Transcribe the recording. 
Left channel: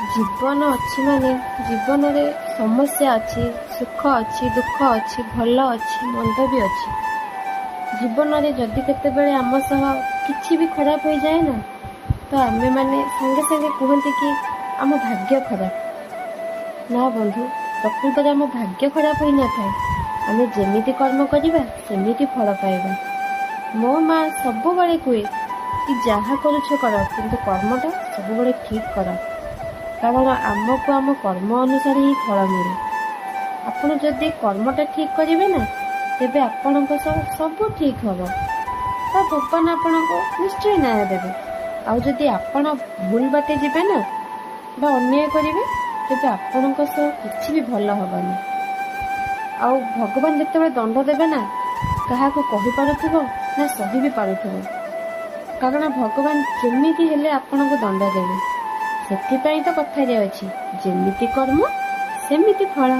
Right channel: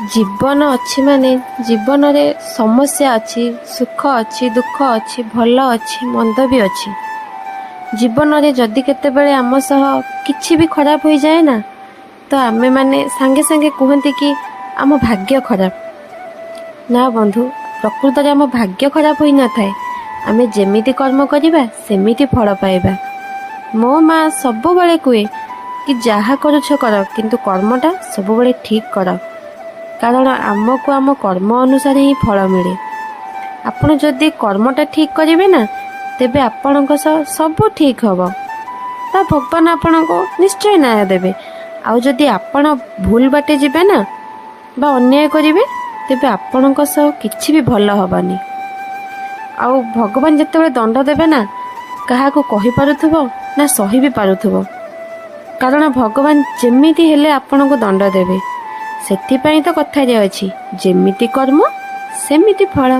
ଜୀବନ ଅଛି ମାନେ ଜୀବନରେ ସମସ୍ୟା ଅଛି, ସୁଖ ଅଛି, ଦୁଃଖ ଅଛି, ଭଲ ଅଛି, ମନ୍ଦ ବି ଅଛି। ଜୀବନରେ ଯଦି କେତେବେଳେ ଆମ ସହ କିଛି ବି ଖରାପ ହୋଇଯାଏ ନା, ତ ଆମେମାନେ ସାଙ୍ଗେ ସାଙ୍ଗେ କୁହନ୍ତି କି ଆମ ଭାଗ୍ୟ ଖରାପ। ନା ବନ୍ଧୁ, ପ୍ରକୃତରେ ଆମ ଭାଗ୍ୟ ଖରାପ ହୋଇନଥାଏ। ଆମେ ଯେମିତି କର୍ମ କରିବା ସେମିତି ଫଳ ପାଇବା। ମୋ ମା ସବୁବେଳେ କୁହେ କି ଯାହା କରୁଛ କର, କିନ୍ତୁ କର୍ମଟା ସବୁବେଳେ ଠିକ୍ କର, କାରଣ ଆମକୁ ଆମ କର୍ମ ଅନୁସାରେ ହିଁ ଫଳ ମିଳେ। ଆପଣ ଯଦି କର୍ମଟା ଠିକ୍ କରିବେ ନା, ତେବେ ଆପଣଙ୍କ ସହ ସବୁ ଠିକ୍ ହେବ, ବା ଭଗବାନ ଆପଣଙ୍କୁ ନିଶ୍ଚୟ ନ୍ୟାୟ ଦେବେ। ଆଉ ଯଦି ଆପଣ ଭୁଲ ବାଟେ ଯିବେ ନା ବା ଅନ୍ୟାୟ କରିବେ, ତେବେ ଆପଣଙ୍କ ସହ କିଛି ବି ଭଲ ହେବନି। ଆଉ ଭଗବାନ ଯେତେବେଳେ ଦଣ୍ଡ ଦେବେ ନା, କାହାକୁ କହିପାରୁଥିବ ନା ସହି ବି ପାରୁଥିବ, କାରଣ ଭଗବାନ ଯେମିତି ହେଲେ ଆପଣଙ୍କୁ ଦଣ୍ଡ ଦେବେ। ସେଥିପାଇଁ ତ କଥାରେ ଅଛି, ଯେମିତି କର୍ମ ସେମିତି ଫଳ।